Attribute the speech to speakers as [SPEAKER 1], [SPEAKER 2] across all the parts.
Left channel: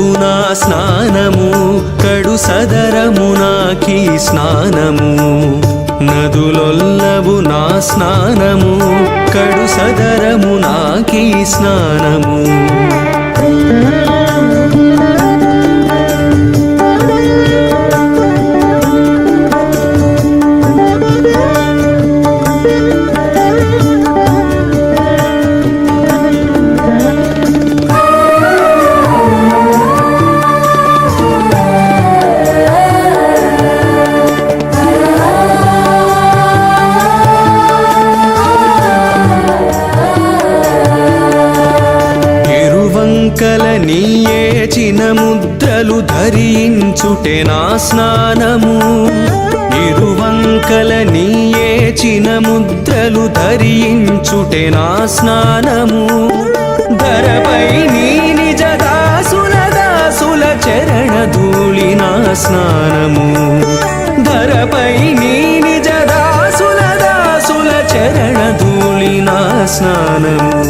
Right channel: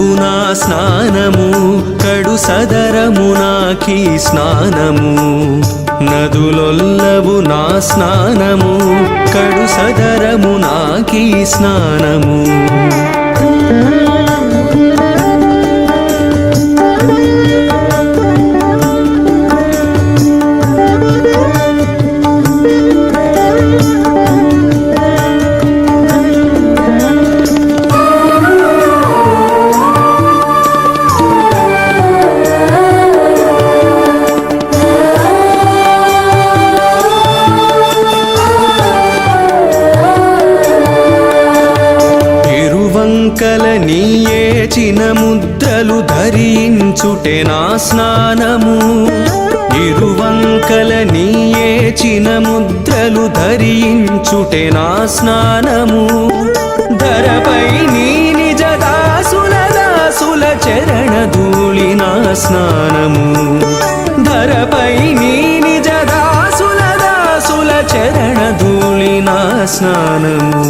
[SPEAKER 1] నా స్నానము కడు సదరము స్నానము. నదులొల్లవు నా స్నానము కడు సదరము స్నానము. ఇరువంకల నీయేచిన ముద్రలు ధరించుటే నా స్నానము. ఇరువంకల నీయేచిన ముద్రలు ధరించుటే నా స్నానము. ధరపై నీ నిజ దాసుల దాసుల చరణ ధూళి నా స్నానము. ధరపై నీ నిజ దాసు దాసుల ధూళి నా స్నానము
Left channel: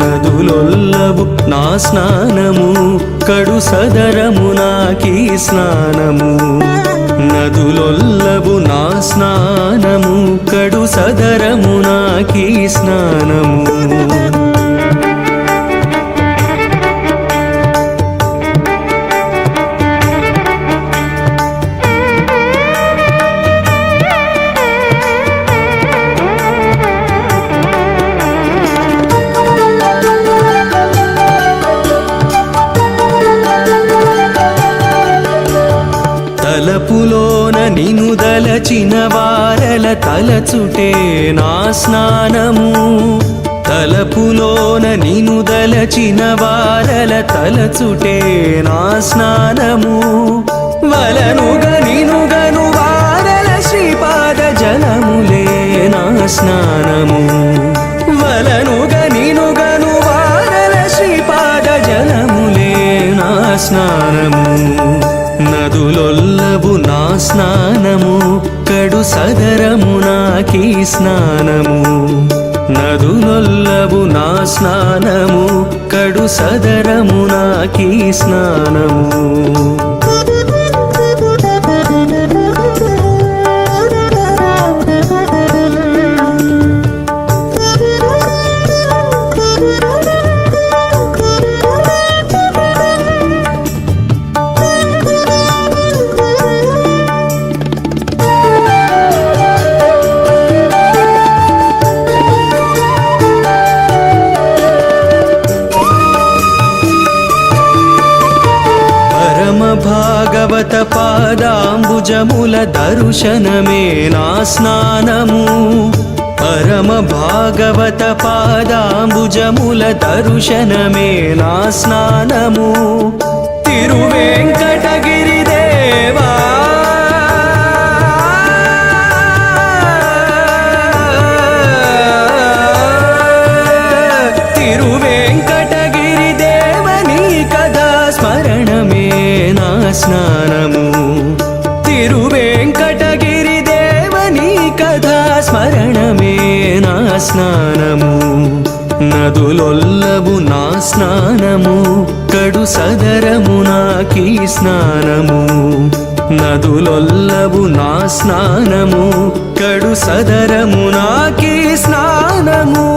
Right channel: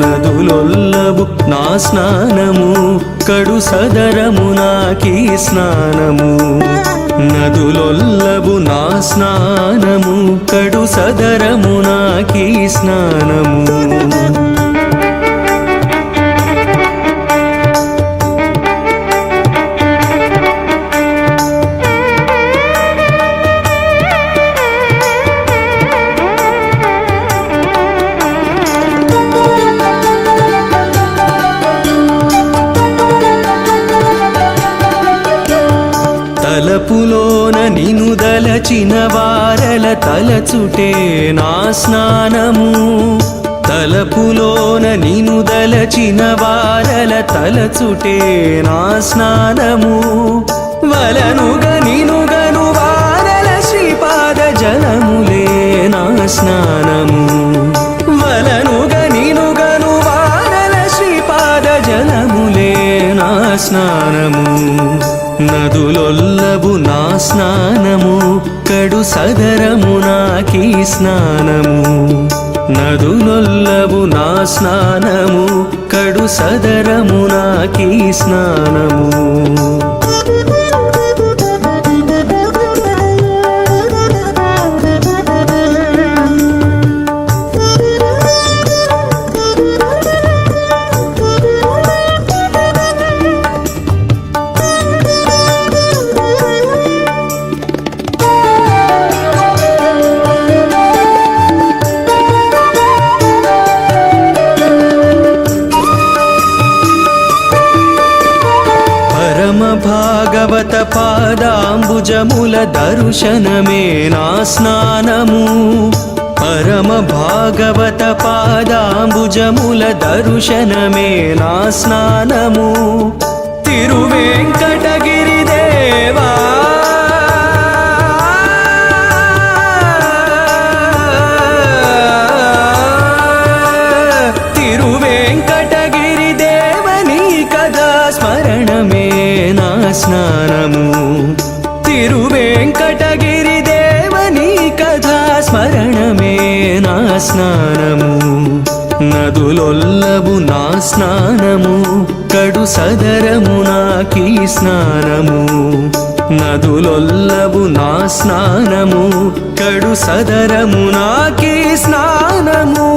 [SPEAKER 1] నదులొల్లవు నా స్నానము కడు సదరము నాకి స్నానము. నదులొల్లవు నా స్నానము కడు సదరము నాకి స్నానము. తలపులోన నిను దలచిన వారల తలచుటే నా స్నానము. తలపులోన నిను దలచిన వారల తలచుటే నా స్నానము. వలనుగ నినుగను వారల శ్రీపాద జలములే నా స్నానము. వలనుగ నినుగను వారల శ్రీపాద జలములే నా స్నానము. నదులొల్లవు నా స్నానము కడు సదరము నాకీ స్నానము. నదులొల్లవు నా స్నానము కడు సదరము నాకీ స్నానము. భాగవత పాదాంబుజముల దర్శనమే నా స్నానము. పరమ భాగవత పాదాంబుజముల దర్శనమే నా స్నానము. తిరువేంకటగిరి స్మరణమే నా స్నానము. తిరువేంకటగిరి దేవని కథా స్మరణమే నా స్నానము. నదులొల్లవు నా స్నానము కడు సదరము నాకీ స్నానము. నదులొల్లవు నా స్నానము కడు సదరము నాకీ స్నానము.